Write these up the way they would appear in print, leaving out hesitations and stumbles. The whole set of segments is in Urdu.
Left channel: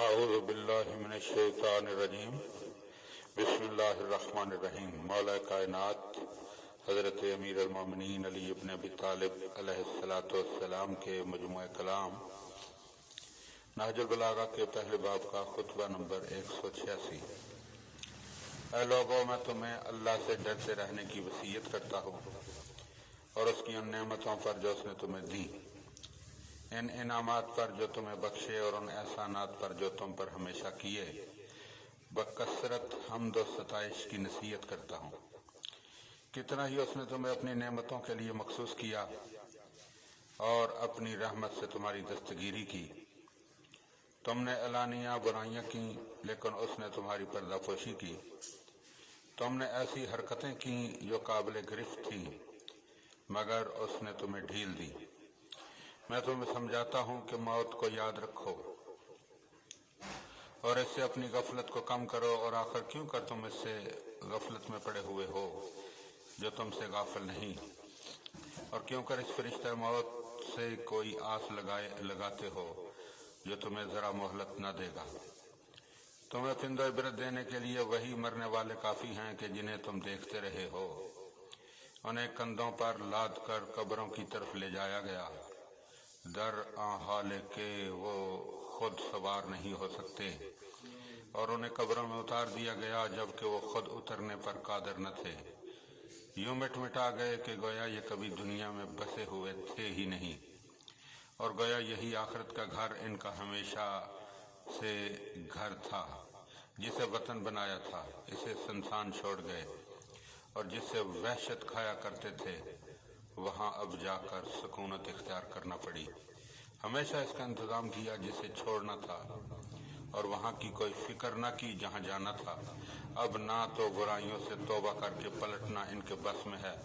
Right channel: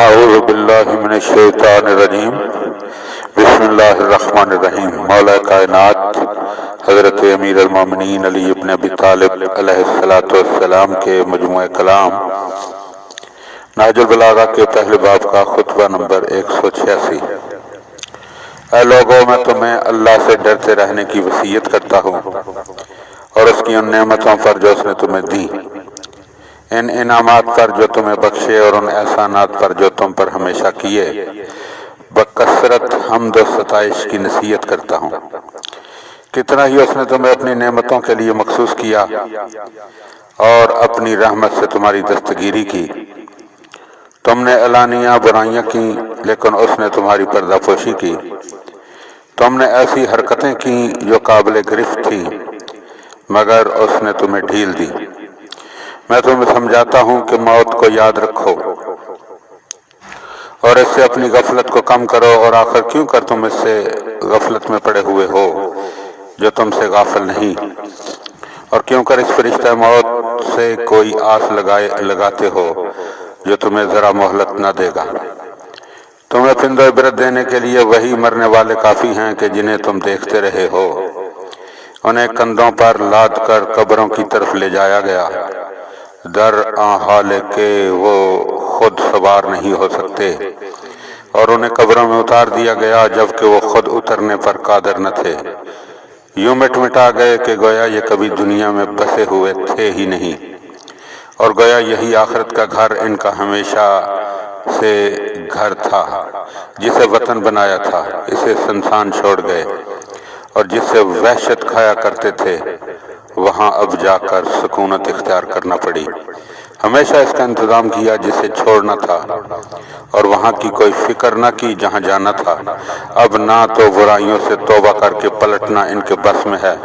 اعوذ باللہ من الشیطان الرجیم بسم اللہ الرحمن الرحیم۔ مولا کائنات حضرت امیر المومنین علی ابن ابی طالب علیہ السلام کے مجموعہ کلام نہج البلاغہ کے پہلے باب کا خطبہ نمبر 186۔ اے لوگوں، میں تمہیں اللہ سے ڈرتے رہنے کی وصیت کرتا ہوں اور اس کی ان نعمتوں پر جو اس نے تمہیں دی، ان انعامات پر جو تمہیں بخشے اور ان احسانات پر جو تم پر ہمیشہ کیے، بکثرت حمد و ستائش کی نصیحت کرتا ہوں۔ کتنا ہی اس نے تمہیں اپنی نعمتوں کے لیے مخصوص کیا اور اپنی رحمت سے تمہاری دستگیری کی۔ تم نے علانیہ برائیاں کی لیکن اس نے تمہاری پردہ پوشی کی۔ تم نے ایسی حرکتیں کی جو قابل گرفت تھی مگر اس نے تمہیں ڈھیل دی۔ میں تمہیں سمجھاتا ہوں کہ موت کو یاد رکھو اور اس سے اپنی غفلت کو کم کرو، اور آخر کیوں کر تم اس سے غفلت میں پڑے ہوئے ہو جو تم سے غافل نہیں، اور کیوں کر اس فرشتہ موت سے کوئی آس لگاتے ہو جو تمہیں ذرا مہلت نہ دے گا۔ تمہیں پند و عبرت دینے کے لیے وہی مرنے والے کافی ہیں کہ جنہیں تم دیکھتے رہے ہو۔ انہیں کندھوں پر لاد کر قبروں کی طرف لے جایا گیا، در آن حال کہ وہ خود سوار نہیں ہو سکتے، اور انہیں قبروں میں اتار دیا گیا جبکہ وہ خود اترنے پر قادر نہ تھے۔ یوں مٹا گئے کہ گویا یہ کبھی دنیا میں بسے ہوئے تھے ہی نہیں، اور گویا یہی آخرت کا گھر ان کا ہمیشہ سے گھر تھا جسے وطن بنایا تھا۔ اسے سنسان چھوڑ گئے، اور جس سے وحشت کھایا کرتے تھے وہاں اب جا کر سکونت اختیار کرنا پڑی۔ ہمیشہ اس کا انتظام کیا جسے چھوڑنا تھا، اور وہاں کی کوئی فکر نہ کی جہاں جانا تھا۔ اب نہ تو برائیوں سے توبہ کر کے پلٹنا ان کے بس میں ہے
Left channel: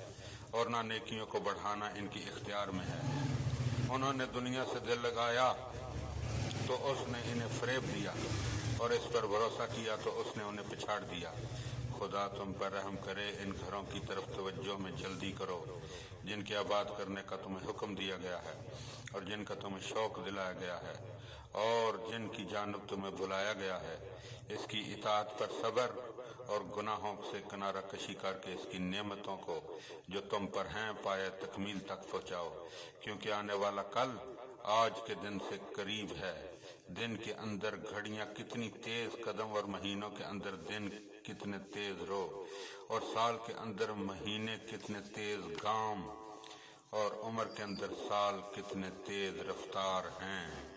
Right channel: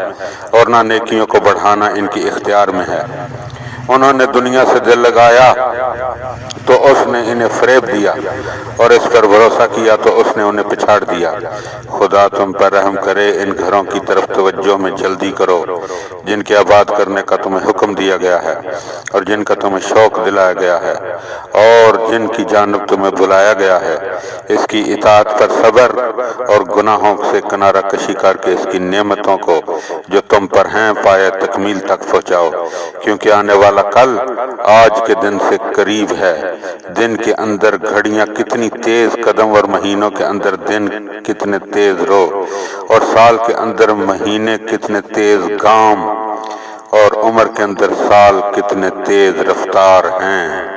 اور نہ نیکیوں کو بڑھانا ان کی اختیار میں ہے۔ انہوں نے دنیا سے دل لگایا تو اس نے انہیں فریب دیا، اور اس پر بھروسہ کیا تو اس نے انہیں پچھاڑ دیا۔ خدا تم پر رحم کرے، ان گھروں کی طرف توجہ میں جلدی کرو جن کے آباد کرنے کا تمہیں حکم دیا گیا ہے، اور جن کا تمہیں شوق دلایا گیا ہے، اور جن کی جانب تمہیں بلایا گیا ہے۔ اس کی اطاعت پر صبر اور گناہوں سے کنارہ کشی کر کے اس کی نعمتوں کو جو تم پر ہیں پائے تکمیل تک پہنچاؤ، کیونکہ آنے والا کل آج کے دن سے قریب ہے۔ دن کے اندر گھڑیاں کتنی تیز قدم اور مہینوں کے اندر دن کتنے تیز رو، اور سال کے اندر مہینے کتنے تیز گام، اور عمر کے اندر سال کتنے تیز رفتار ہیں۔